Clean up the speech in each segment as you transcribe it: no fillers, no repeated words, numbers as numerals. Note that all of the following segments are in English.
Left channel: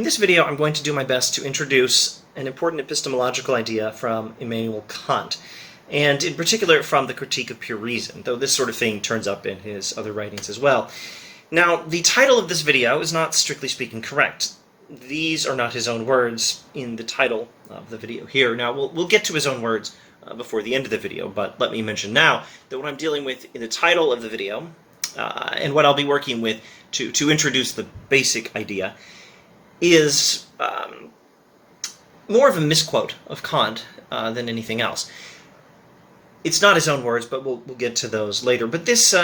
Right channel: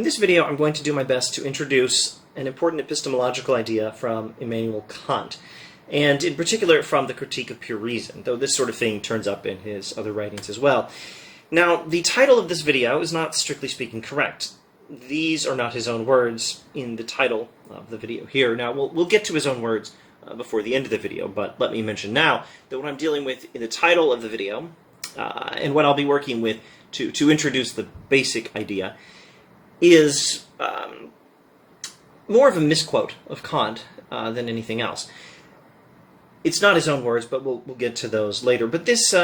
In this video, I'm going to do my best to introduce an important epistemological idea from Immanuel Kant, and in particular from the Critique of Pure Reason, though this sort of thing turns up in his other writings as well. Now, the title of this video is not strictly speaking correct. These are not his own words in the title of the video here. Now, we'll get to his own words before the end of the video, but let me mention now that what I'm dealing with in the title of the video, and what I'll be working with to introduce the basic idea, is more of a misquote of Kant than anything else. It's not his own words, but we'll get to those later. But this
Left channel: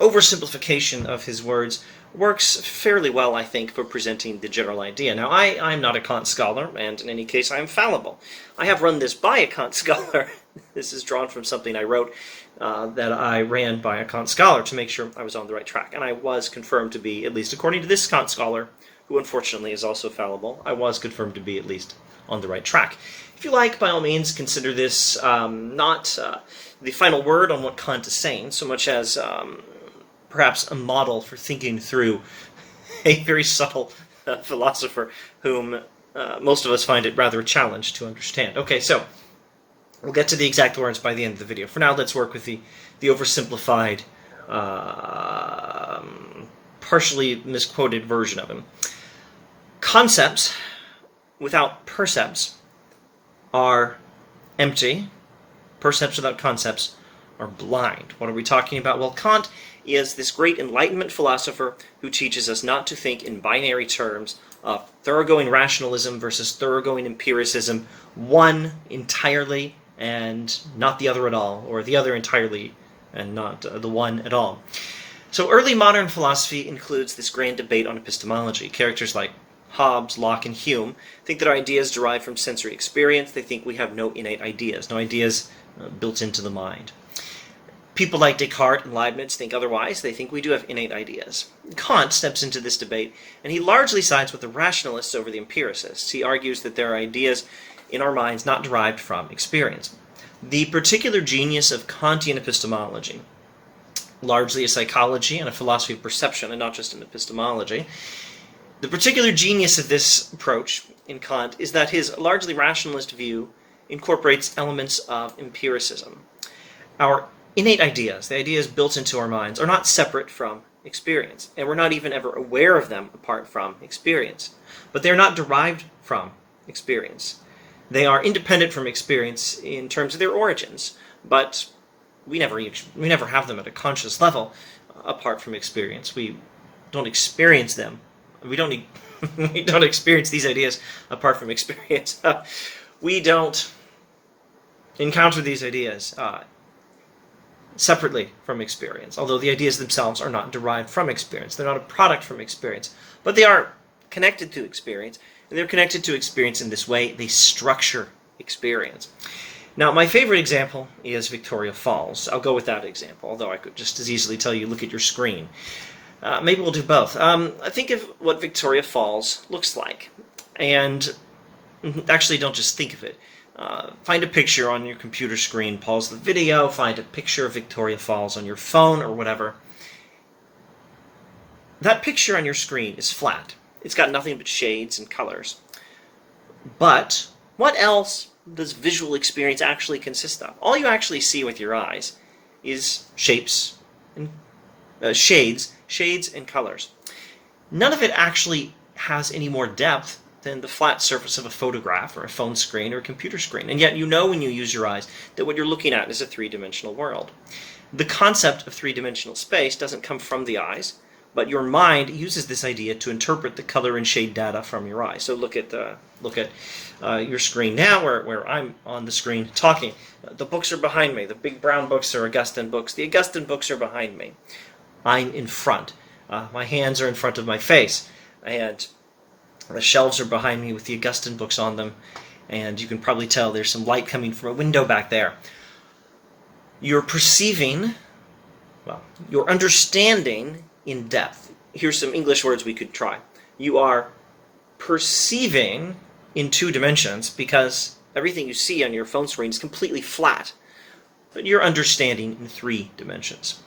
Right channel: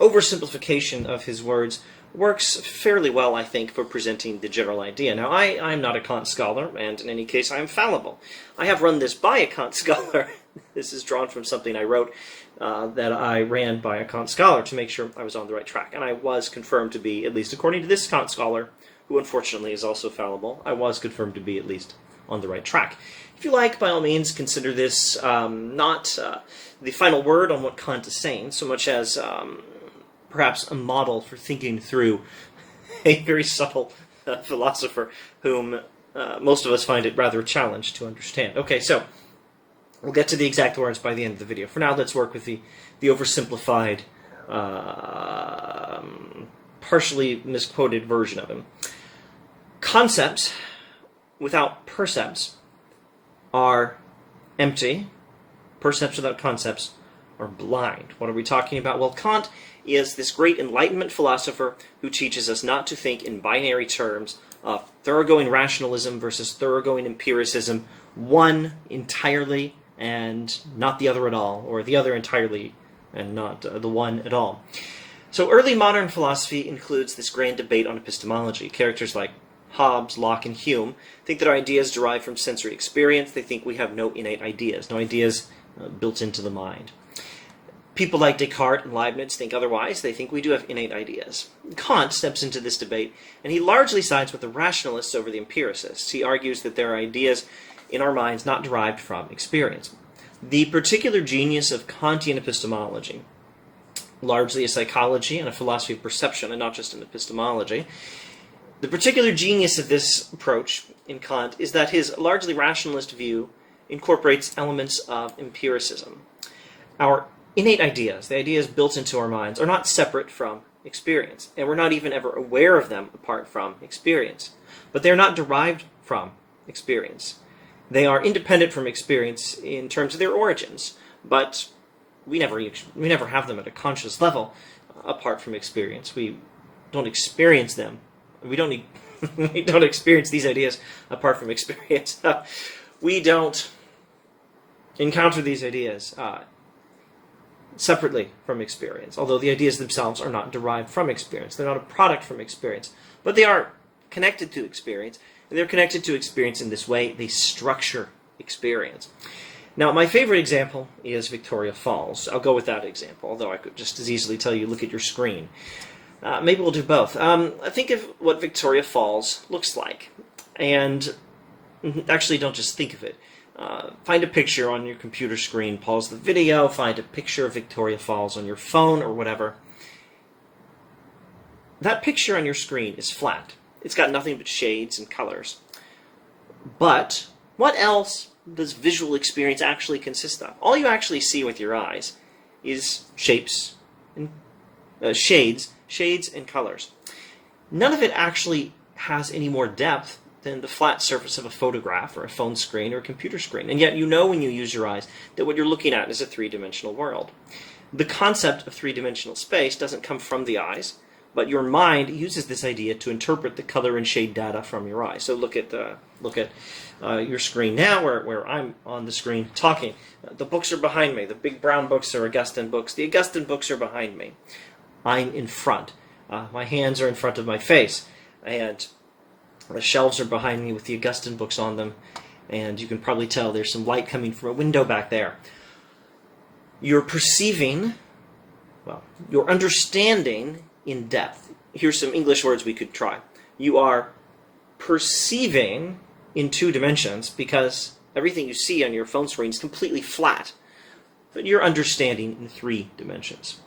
oversimplification of his words works fairly well, I think, for presenting the general idea. Now, I'm not a Kant scholar, and in any case, I'm fallible. I have run this by a Kant scholar. This is drawn from something I wrote that I ran by a Kant scholar to make sure I was on the right track. And I was confirmed to be, at least according to this Kant scholar, who unfortunately is also fallible, I was confirmed to be at least on the right track. If you like, by all means, consider this not the final word on what Kant is saying, so much as perhaps a model for thinking through a very subtle philosopher whom most of us find it rather a challenge to understand. Okay, so we'll get to the exact words by the end of the video. For now, let's work with the oversimplified, partially misquoted version of him. Concepts without percepts are empty. Percepts without concepts are blind. What are we talking about? Well, Kant is this great Enlightenment philosopher who teaches us not to think in binary terms of thoroughgoing rationalism versus thoroughgoing empiricism, one entirely and not the other at all, or the other entirely and not the one at all. So early modern philosophy includes this grand debate on epistemology. Characters like Hobbes, Locke, and Hume think that our ideas derive from sensory experience. They think we have no innate ideas, no ideas built into the mind. People like Descartes and Leibniz think otherwise. They think we do have innate ideas. Kant steps into this debate, and he largely sides with the rationalists over the empiricists. He argues that there are ideas in our minds not derived from experience. The particular genius of Kantian epistemology, largely a psychology and a philosophy of perception, and not just an epistemology, the particular genius of this approach in Kant is that his largely rationalist view incorporates elements of empiricism. Our innate ideas, the ideas built into our minds, are not separate from experience, and we're not even ever aware of them apart from experience. But they're not derived from experience. They are independent from experience in terms of their origins, but we never have them at a conscious level apart from experience. We don't experience them. We don't experience these ideas apart from experience. We don't encounter these ideas separately from experience, although the ideas themselves are not derived from experience. They're not a product from experience, but they are connected to experience, and they're connected to experience in this way. They structure experience. Now, my favorite example is Victoria Falls. I'll go with that example, although I could just as easily tell you, look at your screen. Maybe we'll do both. Think of what Victoria Falls looks like, and actually don't just think of it. Find a picture on your computer screen, pause the video, find a picture of Victoria Falls on your phone or whatever. That picture on your screen is flat. It's got nothing but shades and colors. But what else does visual experience actually consist of? All you actually see with your eyes is shapes and shades and colors. None of it actually has any more depth than the flat surface of a photograph or a phone screen or a computer screen. And yet you know when you use your eyes that what you're looking at is a three-dimensional world. The concept of three-dimensional space doesn't come from the eyes, but your mind uses this idea to interpret the color and shade data from your eyes. So look at your screen now, where I'm on the screen talking. The books are behind me. The big brown books are Augustine books. The Augustine books are behind me. I'm in front. My hands are in front of my face, and the shelves are behind me with the Augustine books on them, and you can probably tell there's some light coming from a window back there. You're perceiving, well, you're understanding in depth. Here's some English words we could try. You are perceiving in two dimensions because everything you see on your phone screen is completely flat, but you're understanding in three dimensions.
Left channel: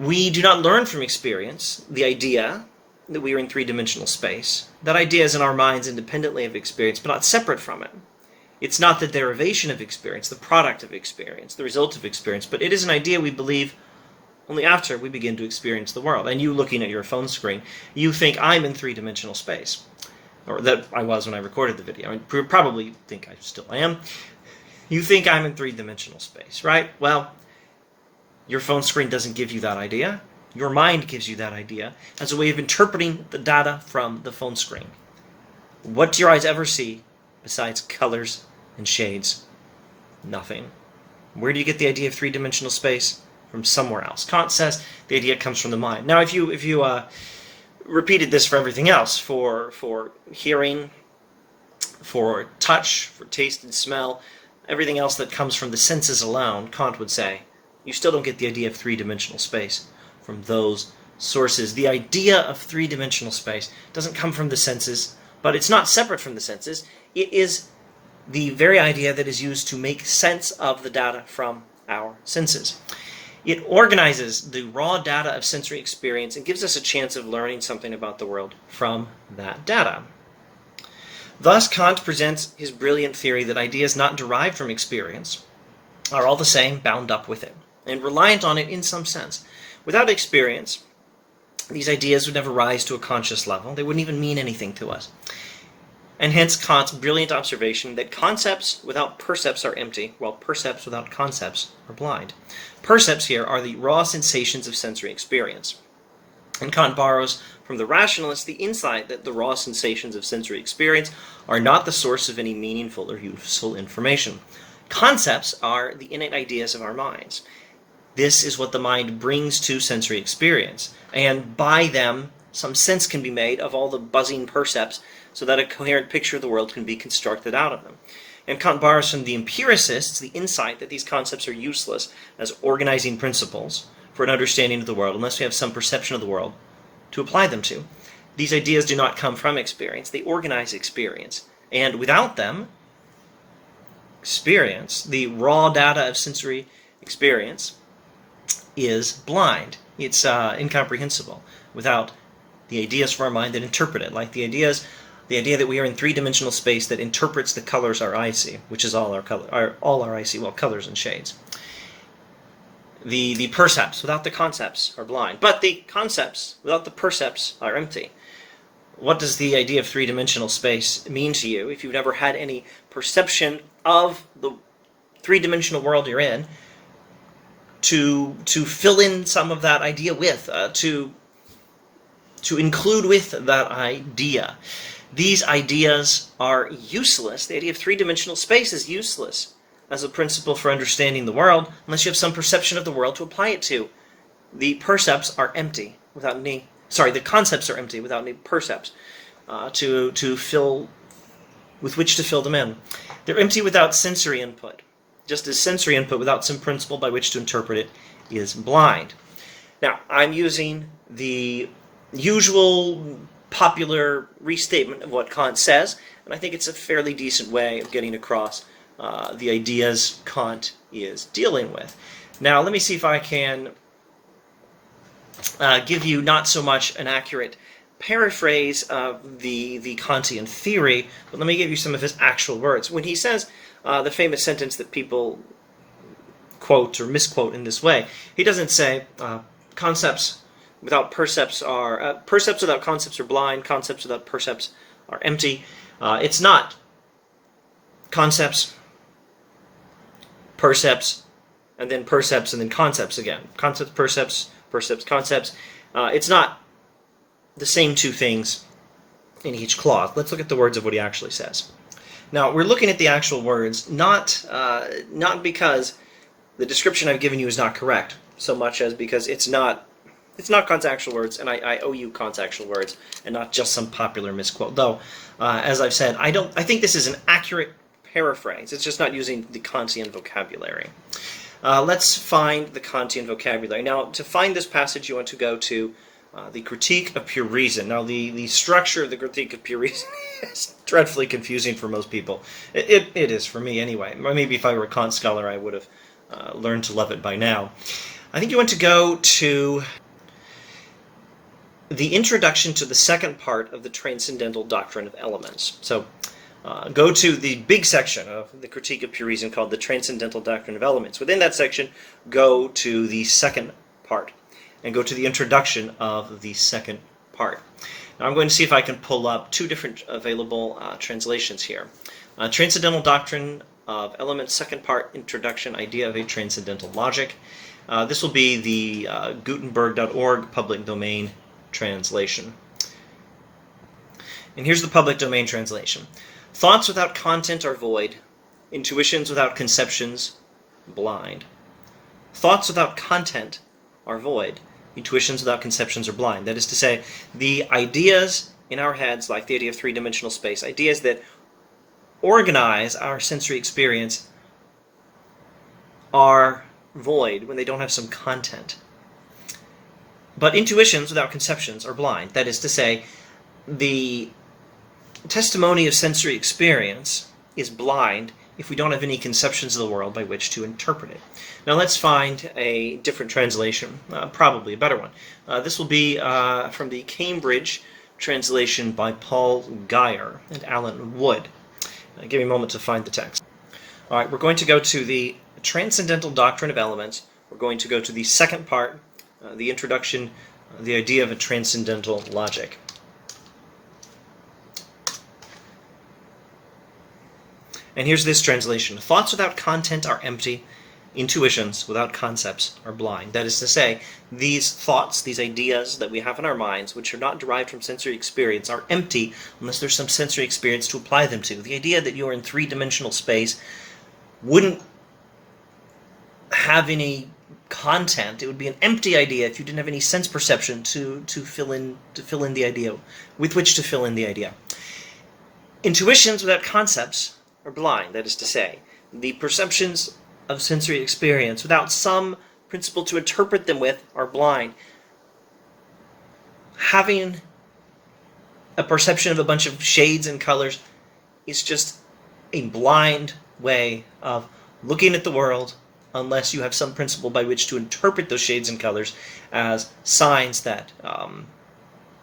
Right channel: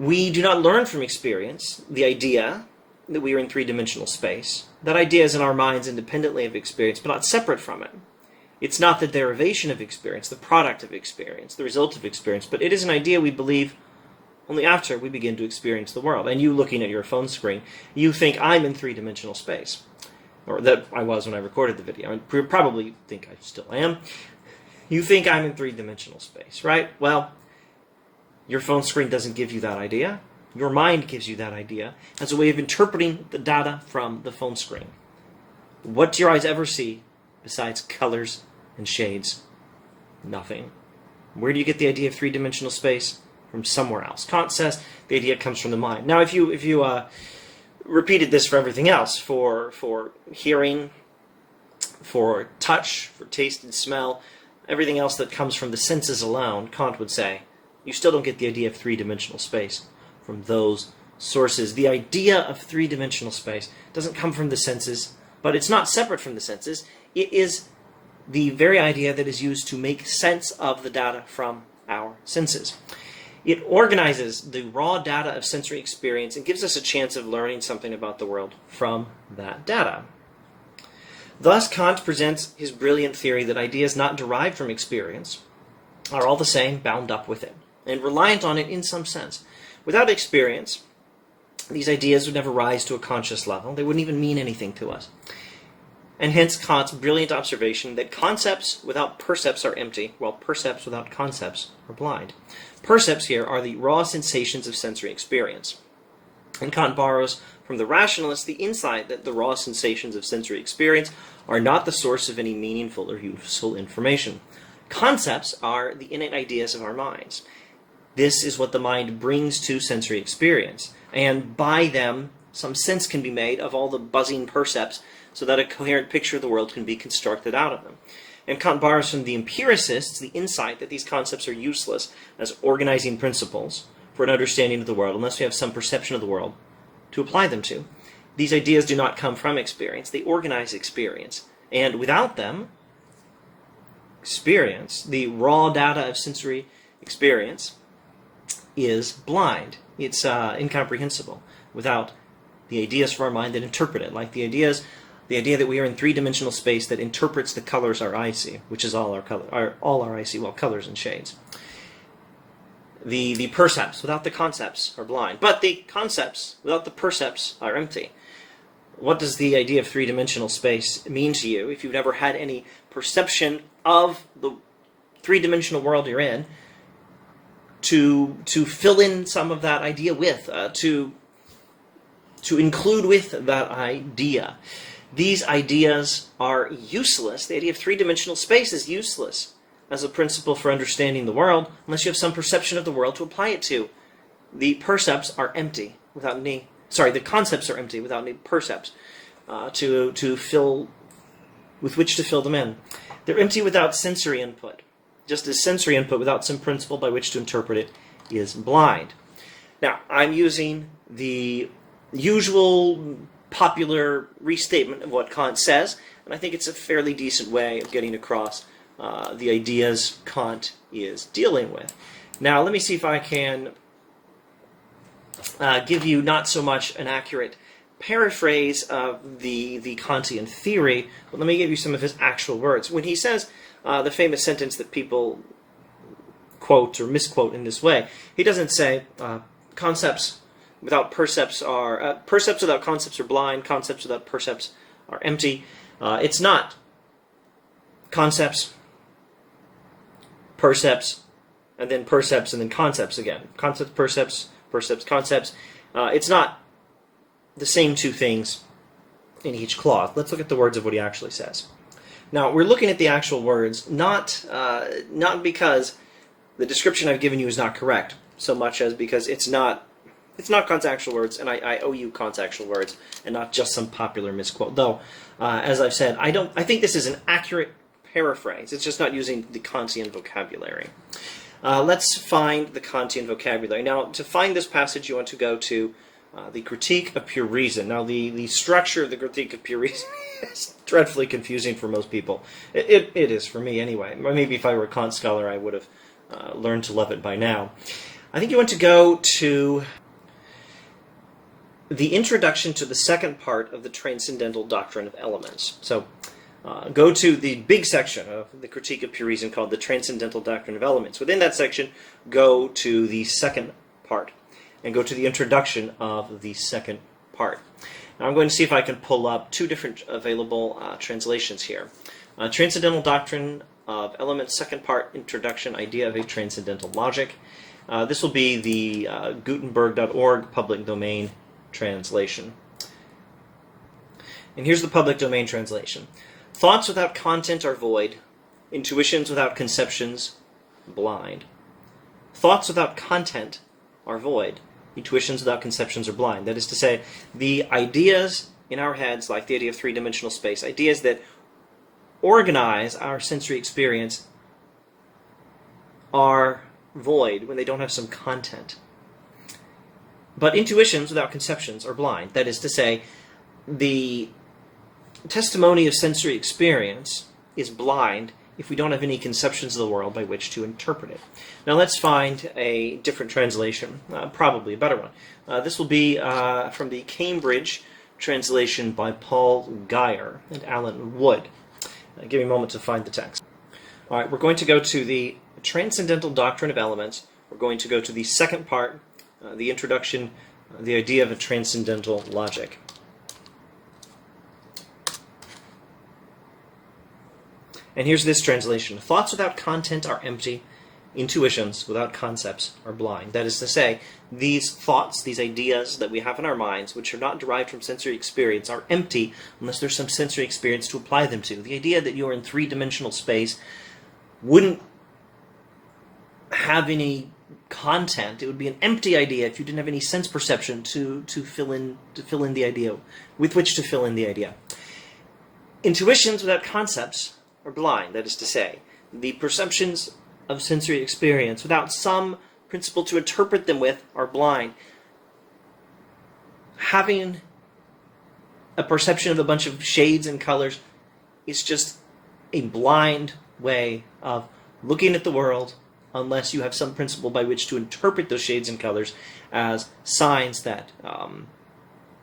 We do not learn from experience the idea that we are in three-dimensional space. That idea is in our minds independently of experience, but not separate from it. It's not the derivation of experience, the product of experience, the result of experience, but it is an idea we believe only after we begin to experience the world. And you looking at your phone screen, you think I'm in three-dimensional space. Or that I was when I recorded the video. I probably think I still am. You think I'm in three-dimensional space, right? Well, your phone screen doesn't give you that idea. Your mind gives you that idea as a way of interpreting the data from the phone screen. What do your eyes ever see besides colors and shades? Nothing. Where do you get the idea of three-dimensional space? From somewhere else. Kant says the idea comes from the mind. Now, if you repeated this for everything else, for hearing, for touch, for taste and smell, everything else that comes from the senses alone, Kant would say, you still don't get the idea of three-dimensional space from those sources. The idea of three-dimensional space doesn't come from the senses, but it's not separate from the senses. It is the very idea that is used to make sense of the data from our senses. It organizes the raw data of sensory experience and gives us a chance of learning something about the world from that data. Thus, Kant presents his brilliant theory that ideas not derived from experience are all the same bound up with it, and reliant on it in some sense. Without experience, these ideas would never rise to a conscious level. They wouldn't even mean anything to us. And hence Kant's brilliant observation that concepts without percepts are empty, while percepts without concepts are blind. Percepts here are the raw sensations of sensory experience. And Kant borrows from the rationalists the insight that the raw sensations of sensory experience are not the source of any meaningful or useful information. Concepts are the innate ideas of our minds. This is what the mind brings to sensory experience, and by them some sense can be made of all the buzzing percepts so that a coherent picture of the world can be constructed out of them. And Kant borrows from the empiricists the insight that these concepts are useless as organizing principles for an understanding of the world unless we have some perception of the world to apply them to. These ideas do not come from experience, they organize experience. And without them, experience, the raw data of sensory experience, is blind. It's incomprehensible without the ideas from our mind that interpret it, like the idea that we are in three-dimensional space that interprets the colors our eyes see, which is all our eyes see, well, colors and shades. The percepts without the concepts are blind, but the concepts without the percepts are empty. What does the idea of three-dimensional space mean to you if you've never had any perception of the three-dimensional world you're in, to fill in some of that idea with, to include with that idea? These ideas are useless. The idea of three-dimensional space is useless as a principle for understanding the world unless you have some perception of the world to apply it to. The concepts are empty without any percepts to fill, with which to fill them in. They're empty without sensory input, just as sensory input without some principle by which to interpret it is blind. Now, I'm using the usual popular restatement of what Kant says, and I think it's a fairly decent way of getting across the ideas Kant is dealing with. Now, let me see if I can give you not so much an accurate paraphrase of the Kantian theory, but let me give you some of his actual words. When he says the famous sentence that people quote or misquote in this way, he doesn't say concepts without percepts are percepts without concepts are blind, concepts without percepts are empty. It's not concepts, percepts, and then percepts, and then concepts again. Concepts, percepts, percepts, concepts. It's not the same two things in each clause. Let's look at the words of what he actually says. Now, we're looking at the actual words, not because the description I've given you is not correct, so much as because it's not Kant's actual words, and I owe you Kant's actual words, and not just some popular misquote. Though, as I've said, I think this is an accurate paraphrase. It's just not using the Kantian vocabulary. Let's find the Kantian vocabulary. Now, to find this passage, you want to go to the Critique of Pure Reason. Now, the structure of the Critique of Pure Reason is dreadfully confusing for most people. It is for me, anyway. Maybe if I were a Kant scholar, I would have learned to love it by now. I think you want to go to the introduction to the second part of the transcendental doctrine of elements. So go to the big section of the Critique of Pure Reason called the Transcendental Doctrine of Elements. Within that section, go to the second part and go to the introduction of the second part. Now I'm going to see if I can pull up two different available translations here. Transcendental Doctrine of Elements, second part, Introduction, Idea of a Transcendental Logic. This will be the Gutenberg.org public domain translation. And here's the public domain translation. Thoughts without content are void. Intuitions without conceptions, blind. Thoughts without content are void. Intuitions without conceptions are blind. That is to say, the ideas in our heads, like the idea of three-dimensional space, ideas that organize our sensory experience, are void when they don't have some content. But intuitions without conceptions are blind. That is to say, the testimony of sensory experience is blind if we don't have any conceptions of the world by which to interpret it. Now let's find a different translation, probably a better one. This will be from the Cambridge translation by Paul Geyer and Alan Wood. Give me a moment to find the text. All right, we're going to go to the Transcendental Doctrine of Elements. We're going to go to the second part, the introduction, the idea of a transcendental logic. And here's this translation. Thoughts without content are empty. Intuitions without concepts are blind. That is to say, these thoughts, these ideas that we have in our minds, which are not derived from sensory experience, are empty unless there's some sensory experience to apply them to. The idea that you're in three-dimensional space wouldn't have any content. It would be an empty idea if you didn't have any sense perception to fill in the idea, with which to fill in the idea. Intuitions without concepts are blind. That is to say, the perceptions of sensory experience without some principle to interpret them with are blind. Having a perception of a bunch of shades and colors is just a blind way of looking at the world unless you have some principle by which to interpret those shades and colors as signs that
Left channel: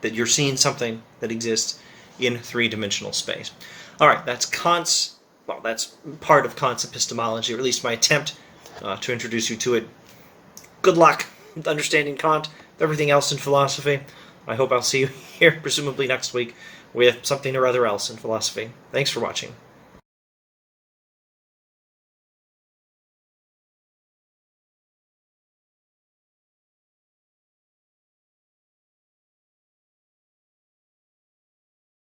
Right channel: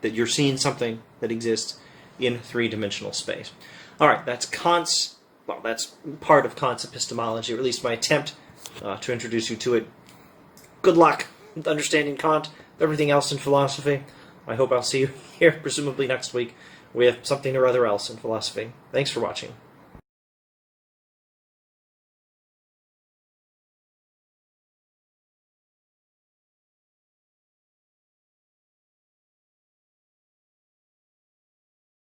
that you're seeing something that exists in three-dimensional space. All right, that's Kant's, well, that's part of Kant's epistemology, or at least my attempt to introduce you to it. Good luck with understanding Kant, everything else in philosophy. I hope I'll see you here, presumably next week, with something or other else in philosophy. Thanks for watching.